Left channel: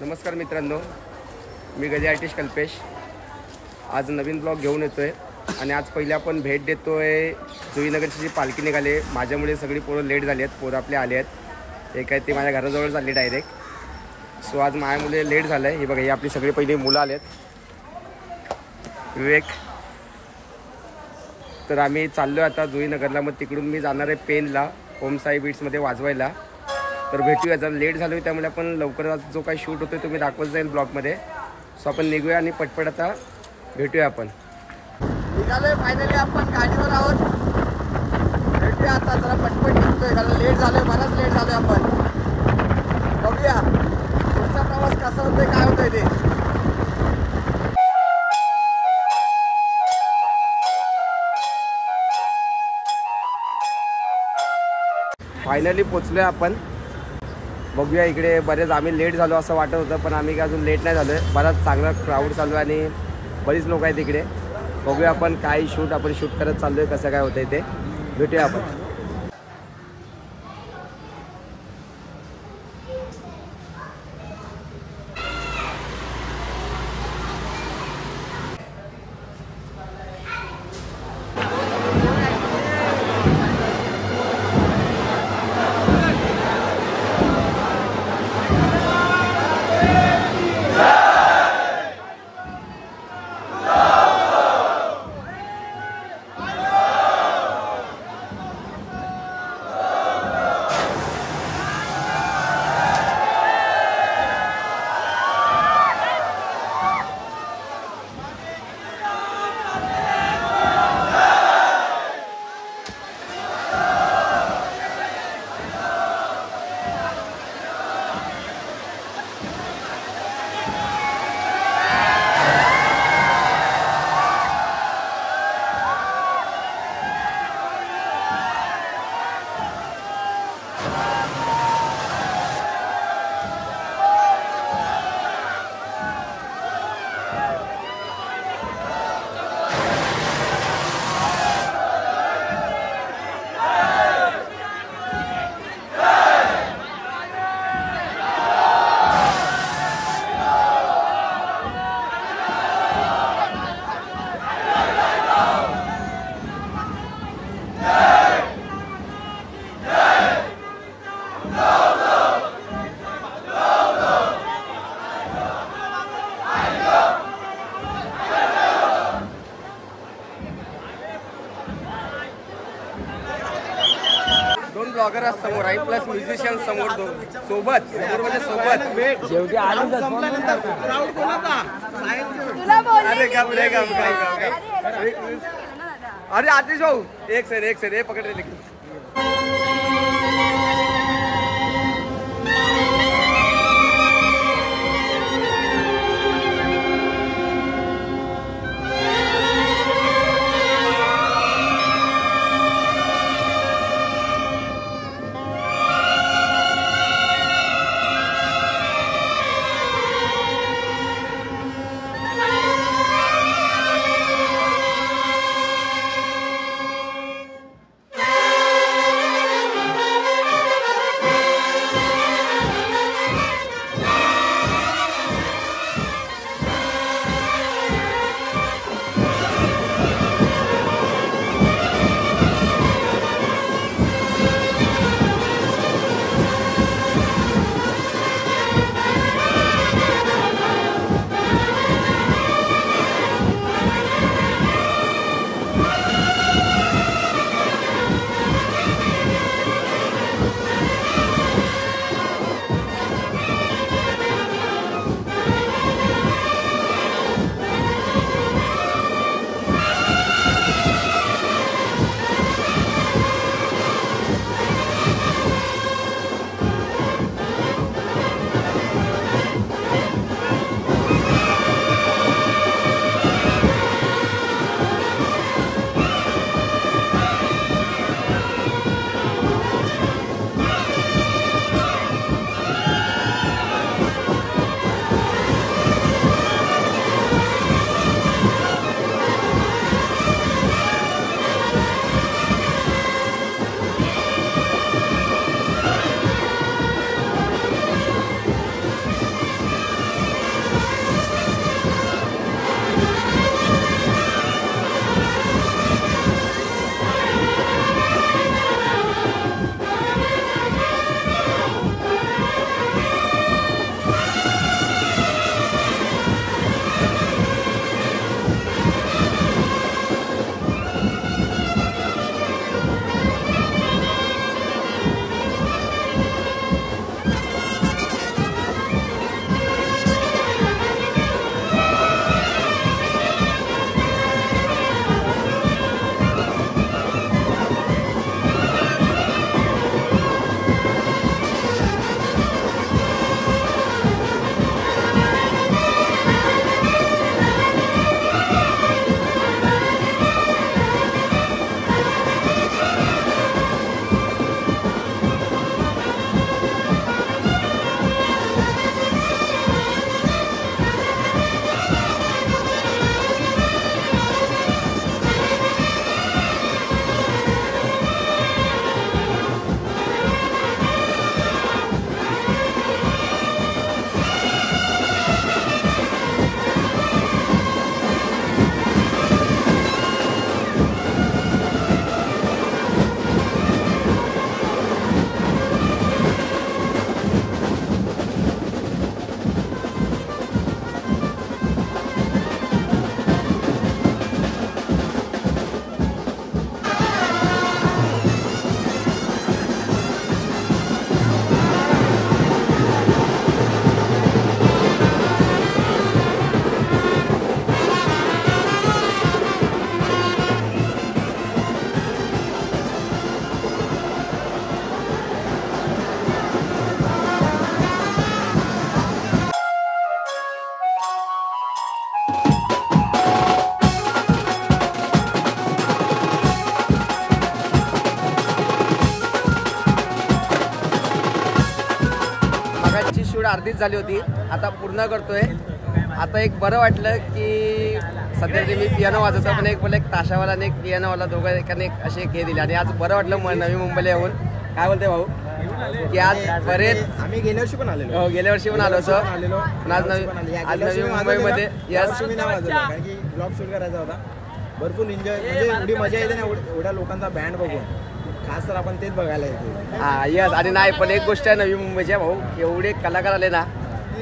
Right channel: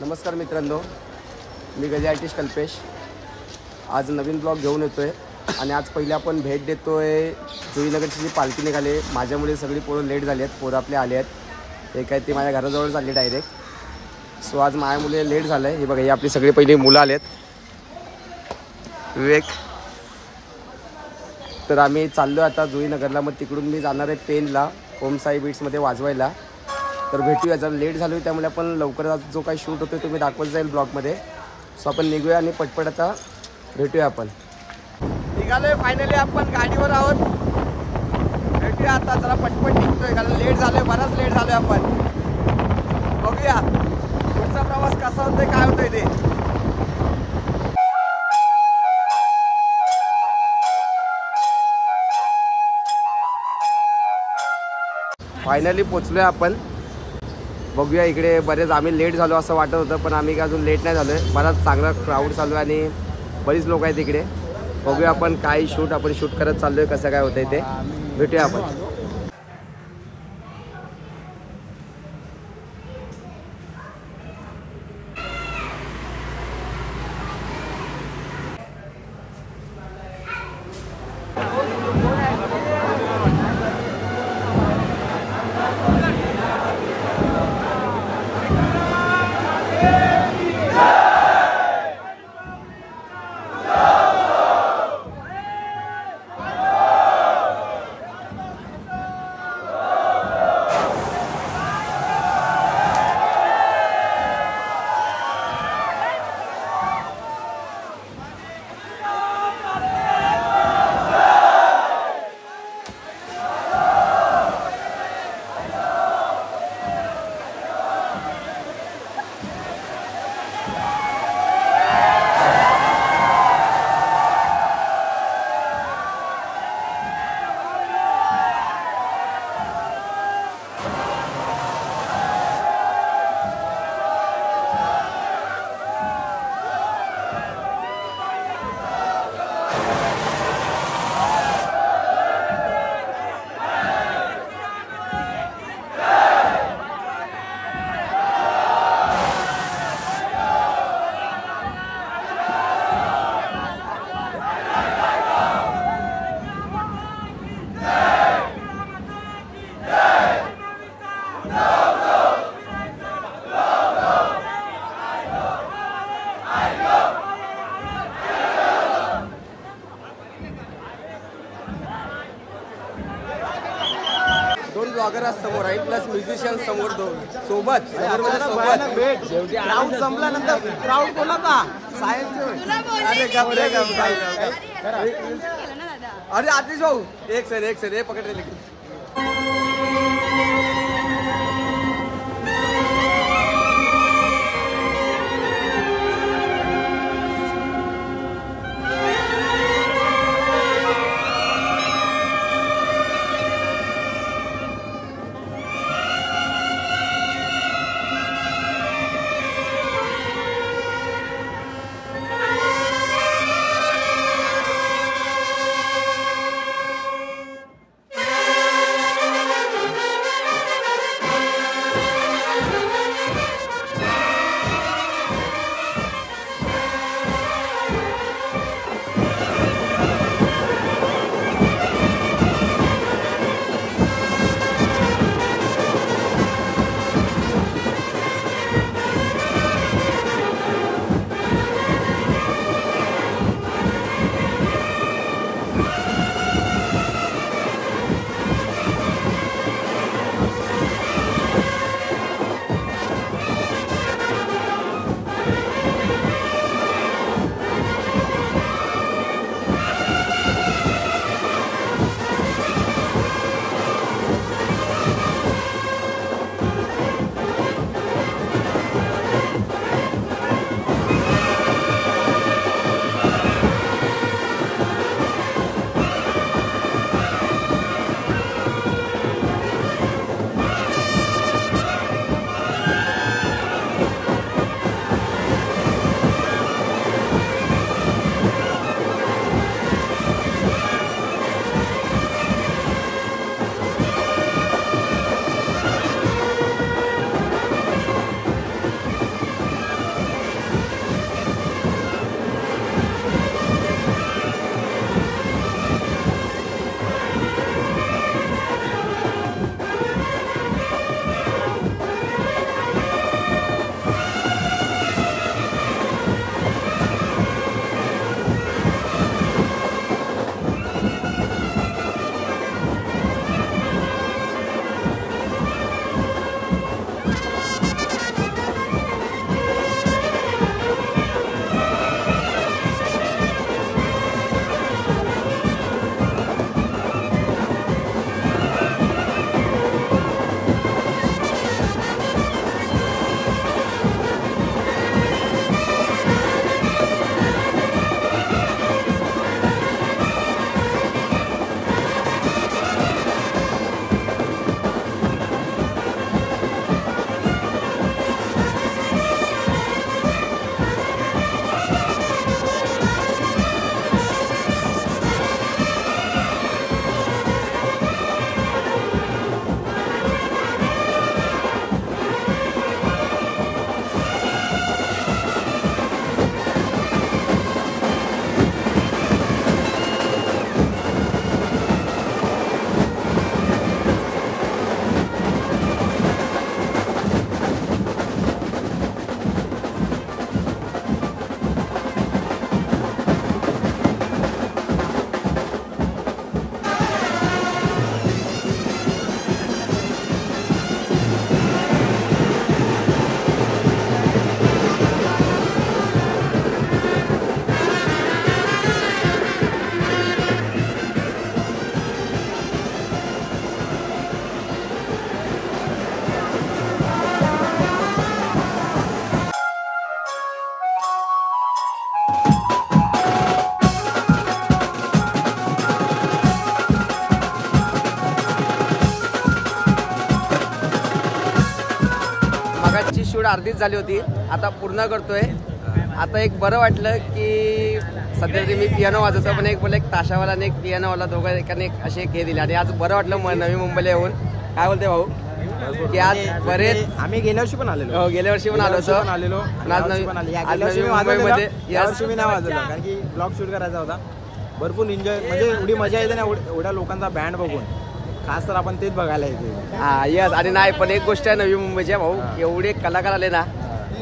नमस्कार मित्रांनो, मी गजे आर्टिस्ट कल्पेश आज नवीन ब्लॉग घेऊन येतोय आणि आज पहिले आपण भेट देतोय जुईनगरची जी पालखी निघाली। माझ्यामुळे सगळी पोरं लेट झाली आहेत, पोरं आपले आले आहेत, ते काय ते माझ्या घराजवळ चालले डायरेक्ट। सो आज माझ्यामुळे लेट झालं आहे। हे बघा, ही आपली सगळी पहिली मुलं आलेत, विवेक। तर आम्ही चाललो आता जुईनगरला, मग तिकडून मी जाणार आहे पेनला ओम साई बीट्समध्ये वाजवायला। तर भेटूया, जरा लेट झालो त्यामुळे आपण लवकर जो काही शूट होतो तो मी दाखवत जाईल ब्लॉगमध्ये। सो आपण निघूया आणि पटपट आता भेटूया। आपण निघालोय फायनली, आपण गाडीवर आहोत। भेटूया आता, जरा पटपट निघतोय कारण लेट झालोय, बराच लेट झालोय। आपण बघूया पुढचा प्रवास कसा होतोय, काय होतंय ते। फायनली पोचलोय आपण। बघूया, इकडे बरेच आम्ही लेट झालो असं वाटत होतं, पण आम्ही काय अजून लेट नाही झालो आहे। बराच चांगला क्राऊड चालू आहे आणि बरीच लोक आहेत इकडे। बघूया आपण काय शूट करत चाललो आहे, कसं काय होतंय ते भेटूया आपण। दोन ब्लॉगर समोर आहे, प्लस म्युझिशियन समोर, दोन सोबत म्हणजे सोबत। क्राऊड संपल्यानंतर क्राऊड कोणाचा? अरे गाव अरे आतिश भाऊ, एक सेकंड हे पकड रे। अर्धीच झाली होती, आता पूर्ण करतोय. आता एक बरं वाटलं की सध्या तरी मी पियानो वाजवतो, पण एक बोला एक ताशावाला आणि एक पियानोवाला दोघं एकाने एक असे एक हे दिले आणि आज बरं वाटलं नवी मुंबईला येऊन. काय बोलते भाऊ की आज बरेच आम्ही गेल्या वर्षी पण आलेलो. गेल्या वर्षी पण आलो होतो, पण आज नवी मुंबईमध्ये यावर्षी मी नाही वाजवलं कारण की ब्लॉग शूट करायचा होता. भरपूर एन्जॉय म्हणजे एवढी मजा येते ना एवढ्या लोकांचा बँड बघून, खास तर आपण तेच बघायला येते. हा यस. आणि नाही पण एक गोष्ट आहे नवी मुंबईच्या भाऊ, एवढे कलाकार आले ना,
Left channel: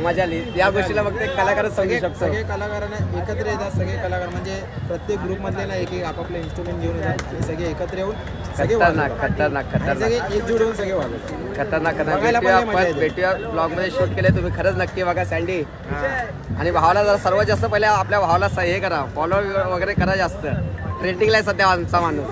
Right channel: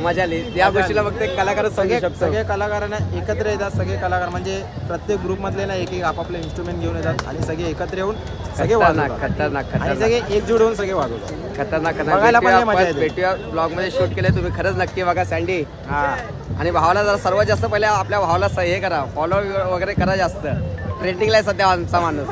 मजा आली. या गोष्टीला फक्त एक कलाकारच समजू शकतो. सगळे कलाकारांना एकत्र येतात, सगळे कलाकार म्हणजे प्रत्येक ग्रुप मधले ना एक एक आपापले इन्स्ट्रुमेंट घेऊन येतात आणि सगळे एकत्र येऊन सगळे खतरनाक खतरनाक आणि खतरनाक सगळे एकजूट होऊन सगळे वाजवतात. खतरनाक बघायला पण मजा येते. भेटूया ब्लॉग मध्ये शूट केले तुम्ही, खरंच नक्की बघा सँडी. आणि भावाला जरा सर्वात जास्त पहिले आपल्या भावाला हे करा, फॉलो वगैरे करा, जास्त ट्रेंडिंगला आहे सध्या आमचा माणूस.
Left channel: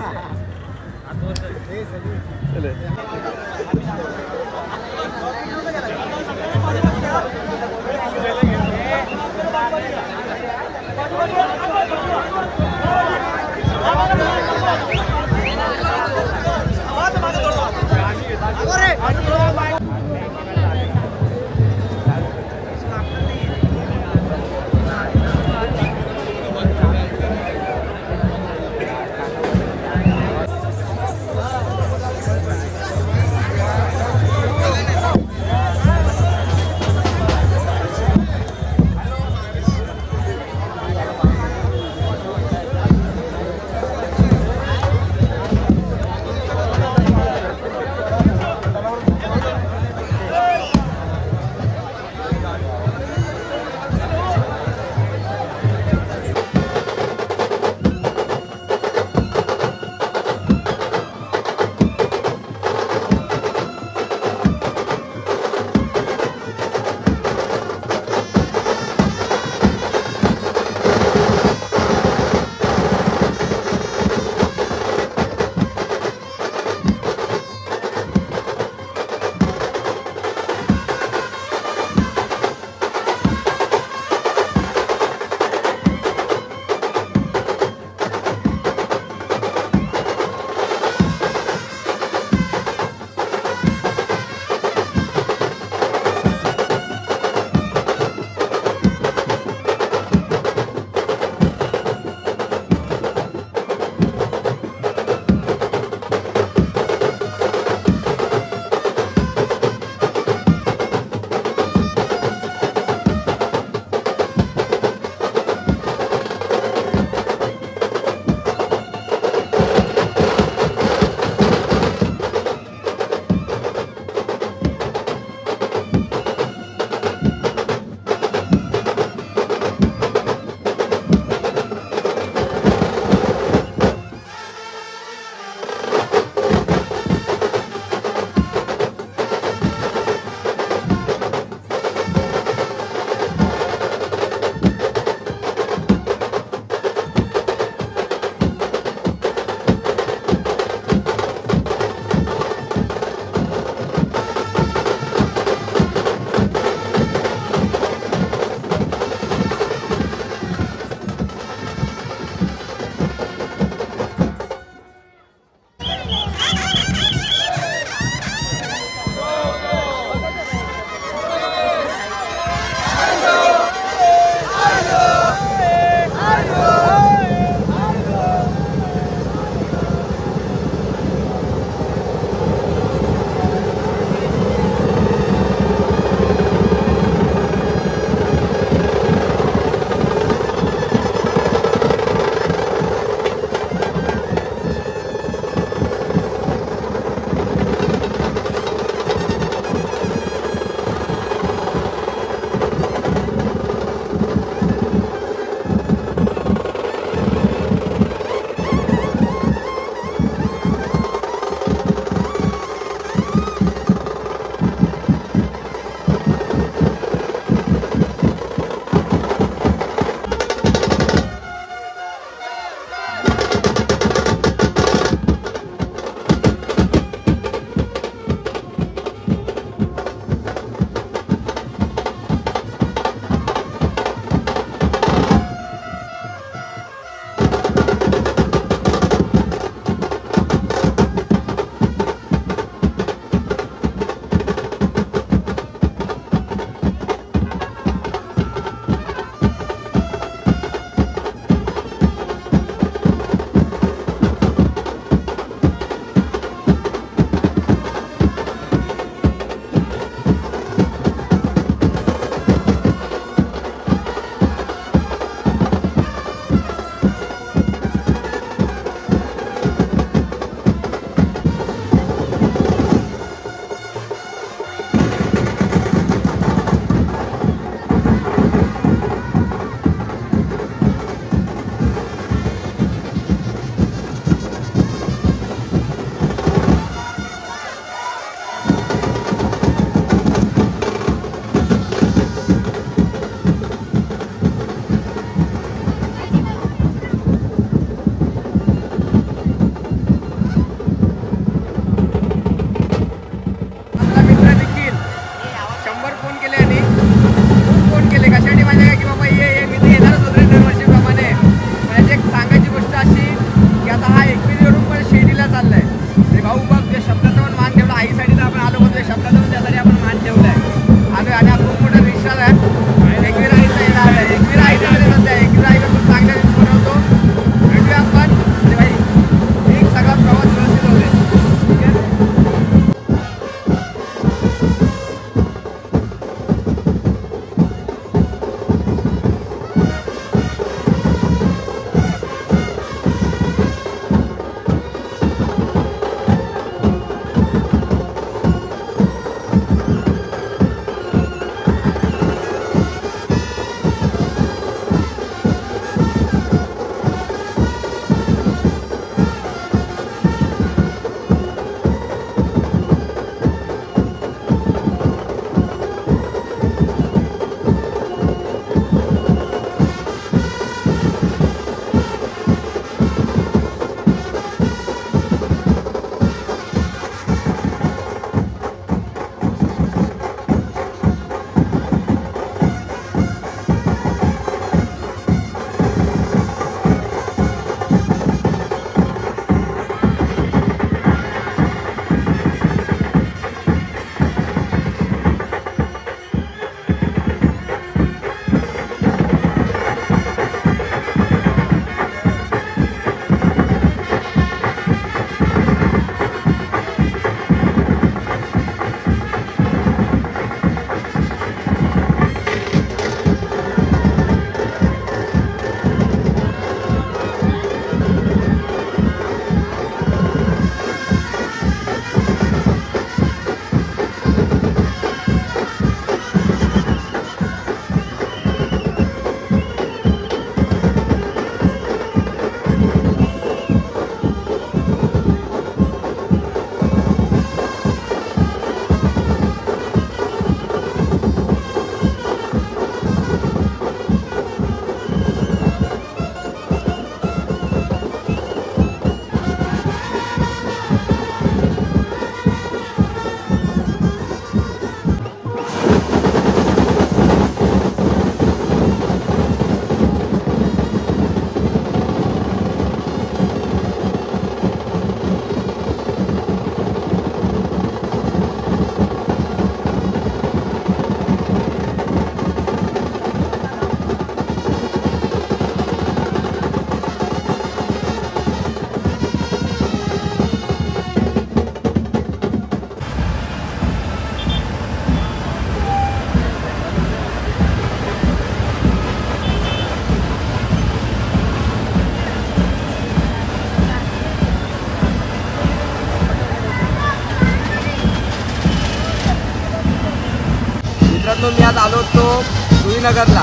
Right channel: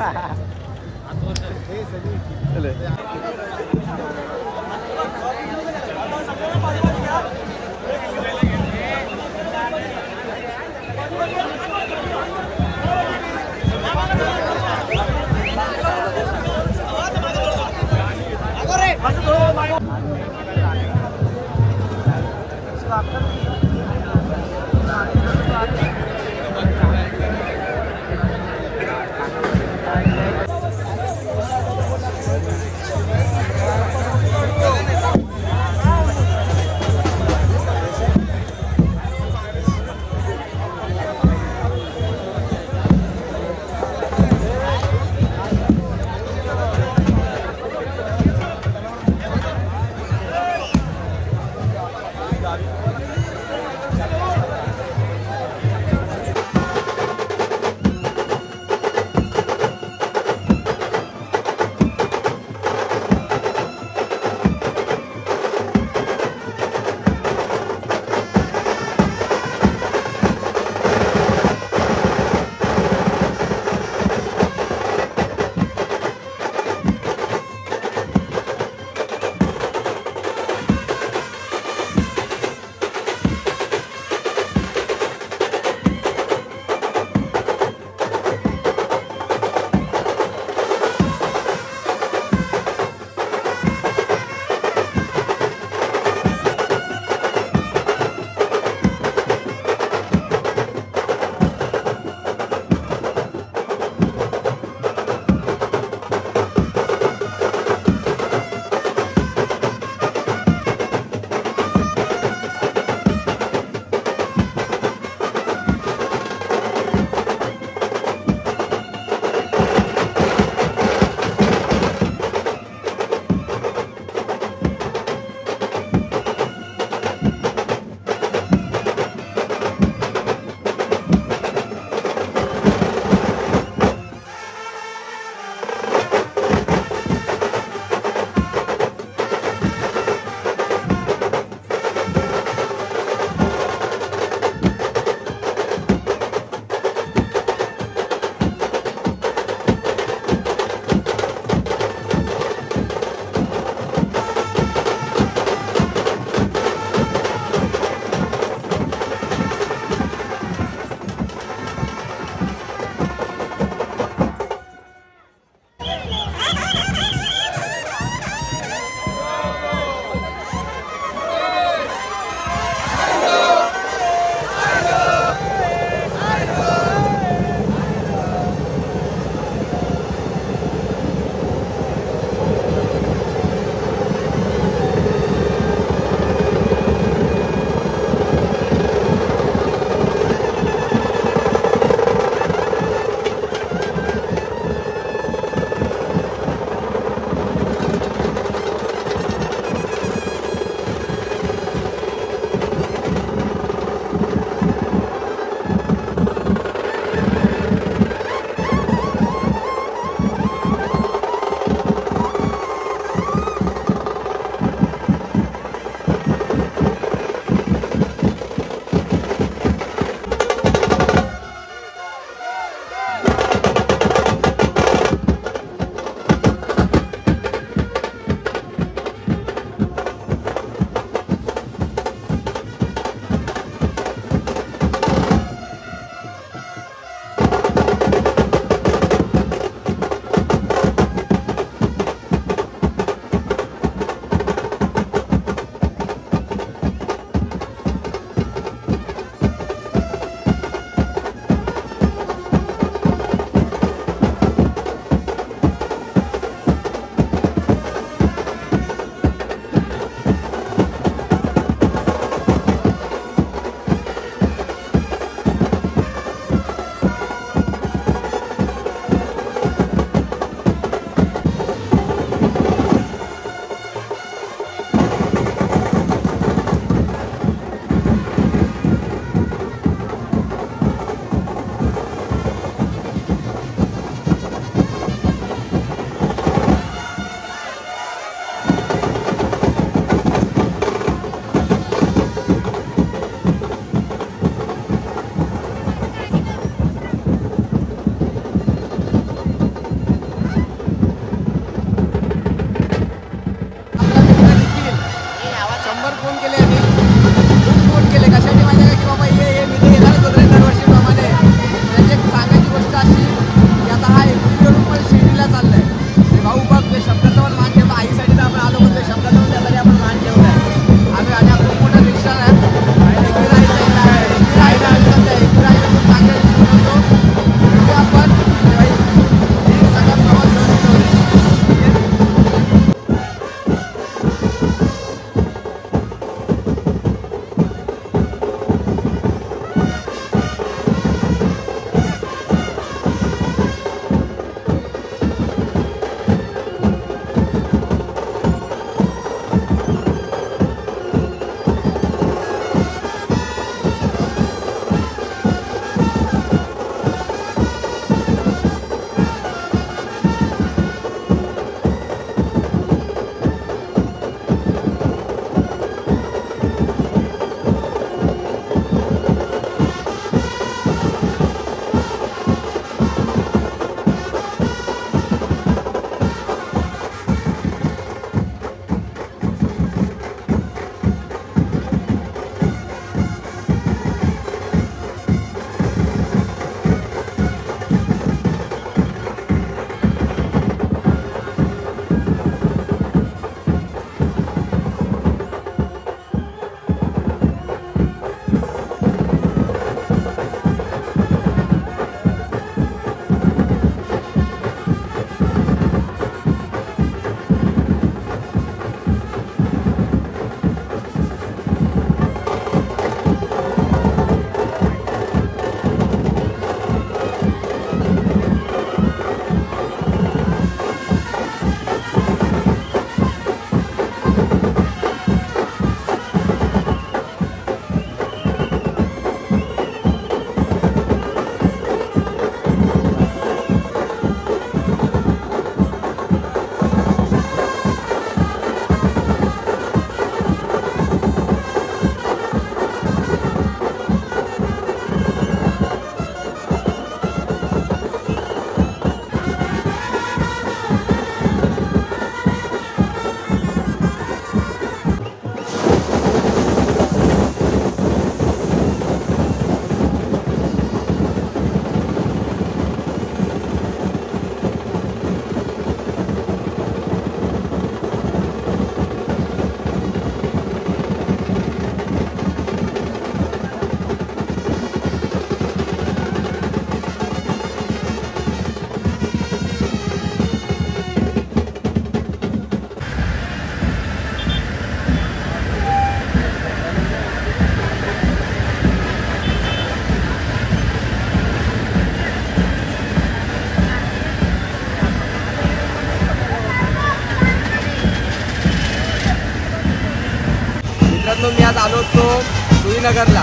मित्रांनो मी आज आलो होतो जुईनगरला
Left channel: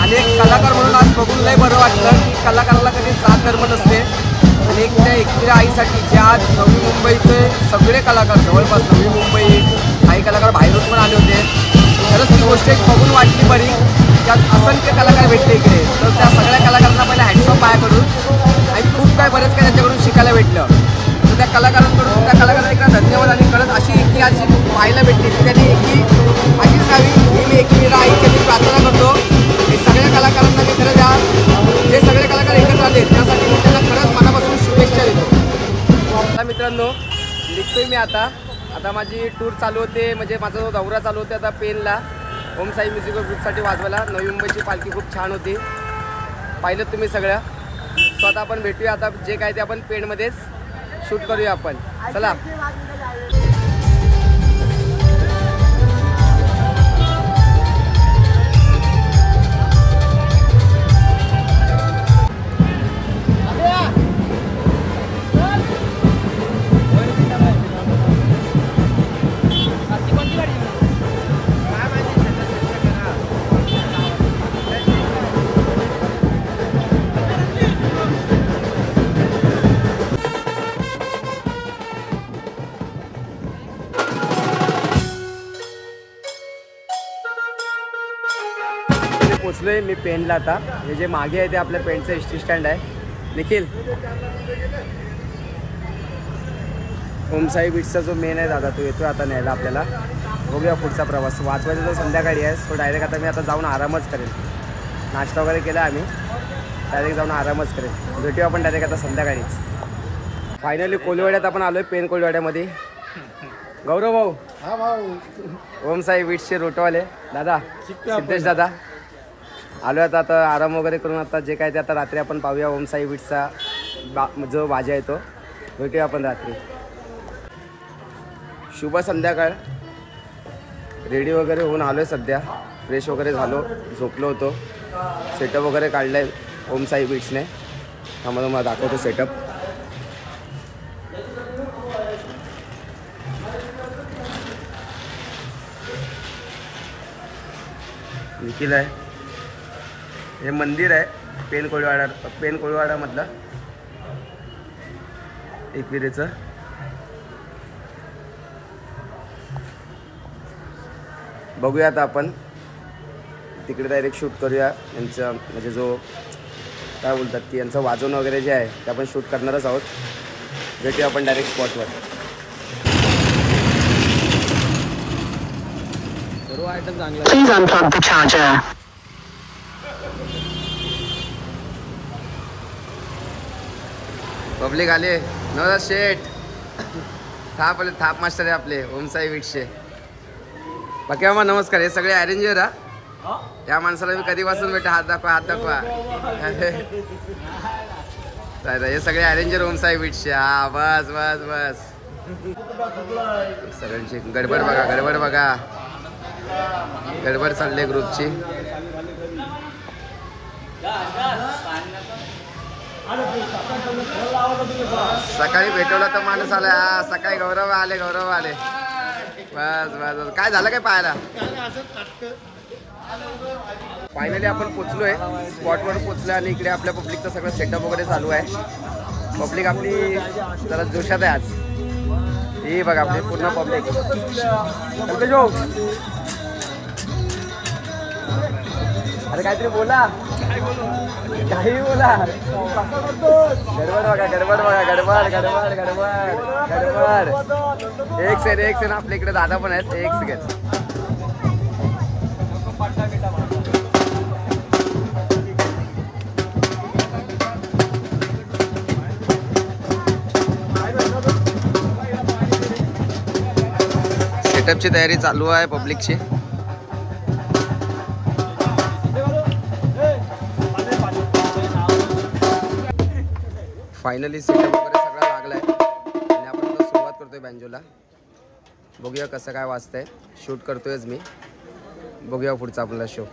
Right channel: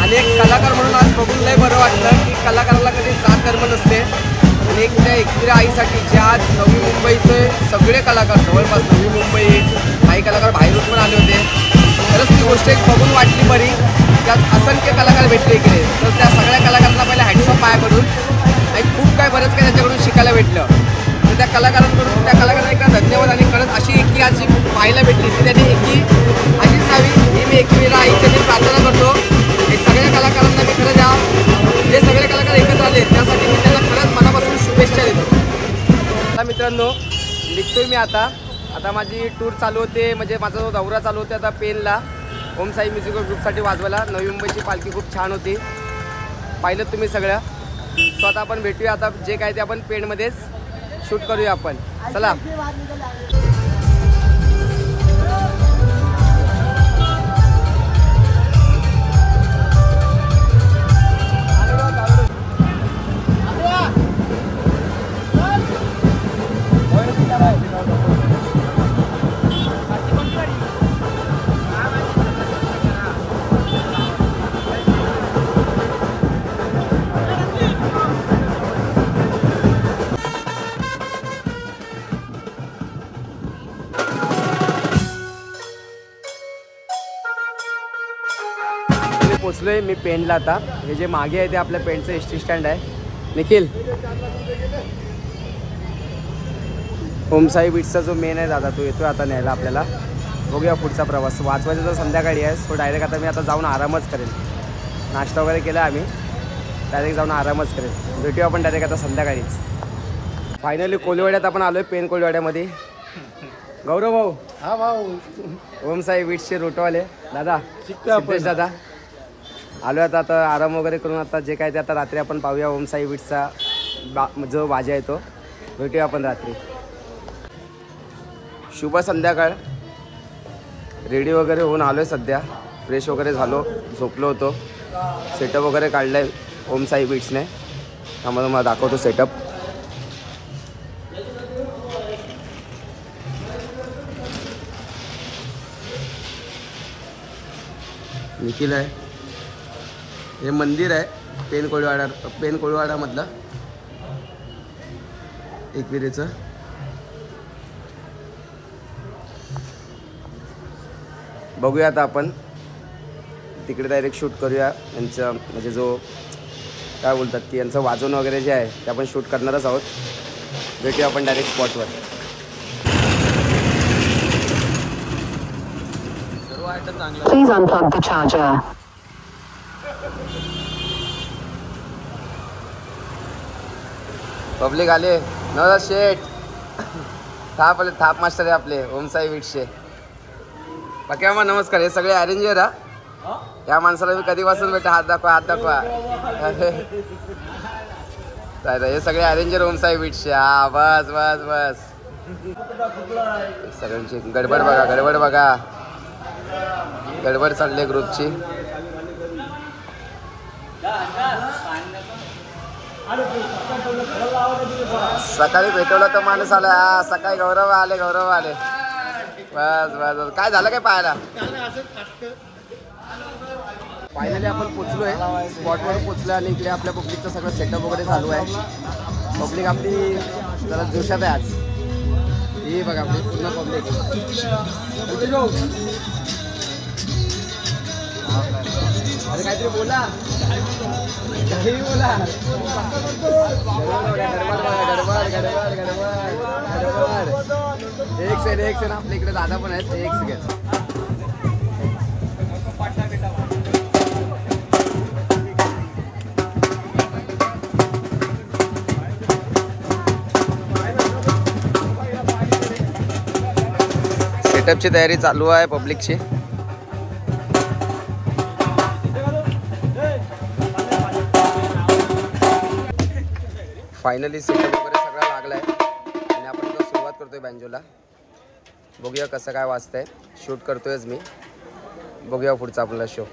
आणि एक कलाकार म्हणून आज बघून लय बरं वाटलं की कलाकाराला कधी जात धर्म नसते आणि एक त्या एकविरा आईसाठी जे आज नवी मुंबईचे सगळे कलाकार जवळपास नवी मुंबई काही कलाकार बाहेरून पण आले होते. खरंच ती गोष्ट एक बघून वाटली बरी की आज असंख्य कलाकार भेटले इकडे. तर त्या सगळ्या कलाकारांना पहिले हॅट्स ऑफ माझ्याकडून आणि खूप काय बरंच काय त्यांच्याकडून शिकायला भेटलं. तर त्या कलाकारांकडून त्या कलाकारांना एकदा धन्यवाद आणि खरंच अशी एकी आज जी पाहायला भेटली ती त्यांनी एकी अशीच राहावी ही मी एकविरा आईच्या मी प्रार्थना करतो. हे सगळ्या कलाकारांना मी खरंच या जे सगळे कलाकार एकत्र आले त्यासाठी मी त्यांना खरंच मनापासून शुभेच्छा देतो. आता मित्रांनो निघतोय मी आता माझी टूर चालू होते म्हणजे माझा जो दौरा चालू होता आता पेनला ओम साई म्युझिकल ग्रुपसाठी वाजवायला. नवी मुंबईची पालखी खूप छान होती पाहिलं तुम्ही सगळ्या. सो आता आपण भेटूया आता जे काय ते आपण पेनमध्येच शूट करूया आपण. चला पोचलोय मी पेनला. आता हे जे मागे आहे ते आपल्या पेनचं एसटी स्टँड आहे. निखिल ओम साई बीट्सचा जो मेन आहे दादा तो येतोय आता न्यायला आपल्याला. बघूया पुढचा प्रवास. वाजवायचा जो संध्याकाळी आहे तो डायरेक्ट आता मी आता जाऊन आरामच करेन. नाश्ता वगैरे केला आम्ही डायरेक्ट जाऊन आरामच करेन. भेटूया आपण डायरेक्ट आता संध्याकाळीच. फायनली कोळीवाड्यात आपण आलोय पेन कोळीवाड्यामध्ये. गौरव भाऊ. हा भाऊ ओम साई बीट्सचे रोटवाले दादा सिद्धेश दादा आलो आता आराम वगैरे करून आता जे काय ते आता रात्री आपण पाहूया ओम साई बीट्सचा जो बाजा आहे तो. भेटूया आपण रात्री. शुभ संध्याकाळ. रेडी वगैरे होऊन आलो आहे सध्या. फ्रेश वगैरे झालो झोपलो होतो. सेटअप वगैरे काढलं आहे ओम साई बीट्सने. त्यामुळे मला दाखवतो सेटअप. निखिल आहे. हे मंदिर आहे पेन कोळीवाडामधलं एकविरेचं. बघूया आता आपण तिकडे डायरेक्ट शूट करूया. यांचं म्हणजे जो काय बोलतात की यांचं वाजवणं वगैरे जे आहे ते आपण शूट करणारच आहोत. भेटूया आपण डायरेक्ट स्पॉटवर. Please unplug the charger. Public आले. नवरा शेठ थाप मास्टर आहे आपले ओम साई बीट्सचे. बाकी मामा नमस्कार. हे सगळे अरेंजर हा. या माणसाला मी कधीपासून भेटा. हात दाखवा. हे सगळे अरेंजर ओम साई बीट्सचे. हा बस सगळ्यांची गडबड बघा. गडबड चालली ग्रुपची. सकाळी भेटवलं तर माणूस आला. हा सकाळी गौरव आले. बस काय झालं काय पाहायला. फायनली आपण पोचलोय स्पॉटवर पोचलोय आणि इकडे आपल्या पब्लिकचं सगळं सेटअप वगैरे चालू आहे. पब्लिक आपली जरा जोशात आहे आज. ही बघा आपली पूर्ण पब्लिक. अरे काहीतरी बोला. काही बोला. गडबड. एक सेकंड आपल्या इकडे दादा पण आहेत. एक सेकंड. सेटअपची तयारी चालू आहे पब्लिकची. फायनली सेटअप वगैरे सगळा लागलाय आणि आपण आता सुरुवात करतोय बँजोला. बघूया कसं काय वाजतंय. शूट करतोयच मी. बघूया पुढचा आपला शो.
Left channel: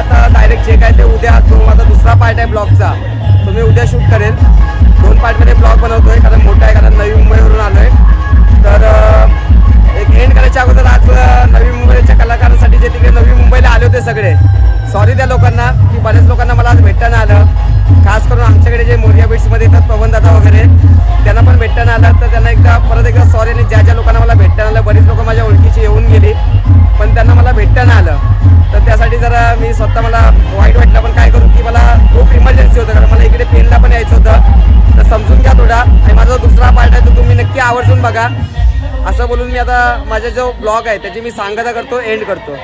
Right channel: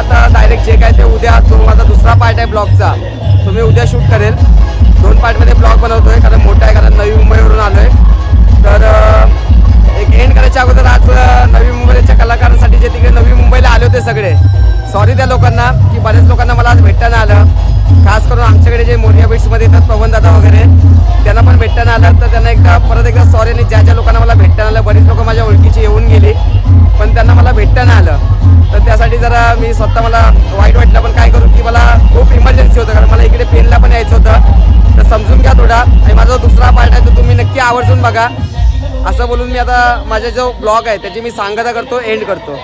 आता डायरेक्ट जे काय ते उद्या तो माझा दुसरा पार्ट आहे ब्लॉगचा, तो मी उद्या शूट करेल. 2 पार्टमध्ये ब्लॉग बनवतोय कारण मोठा आहे, कारण नवी मुंबईवरून आलोय. तर एक एंड करायच्या अगोदर आज नवी मुंबईच्या कलाकारांसाठी जे तिकडे नवी मुंबईला आले होते सगळे, सॉरी त्या लोकांना की बऱ्याच लोकांना मला आज भेटता नाही आलं. खास करून आमच्याकडे जे मोरिया बीट्समध्ये येतात पवन दादा वगैरे, त्यांना पण भेटता नाही आलं. तर त्यांना परत एकदा सॉरी. आणि ज्या लोकांना मला भेटता नाही आलं, बरीच लोक माझ्या ओळखीची येऊन गेली पण त्यांना मला भेटता नाही आलं. तर त्यासाठी जरा मी स्वतः मला वाईट वाटलं. पण काय करू की मला खूप इमर्जन्सी होतं, कारण मला इकडे पेनला पण यायचं होतं. तर समजून घ्या थोडा. आणि माझा दुसरा पार्ट आहे तो तुम्ही नक्की आवर्जून बघा. असं बोलून मी आता माझा जो ब्लॉग आहे त्याची मी सांगता करतो, एंड करतो.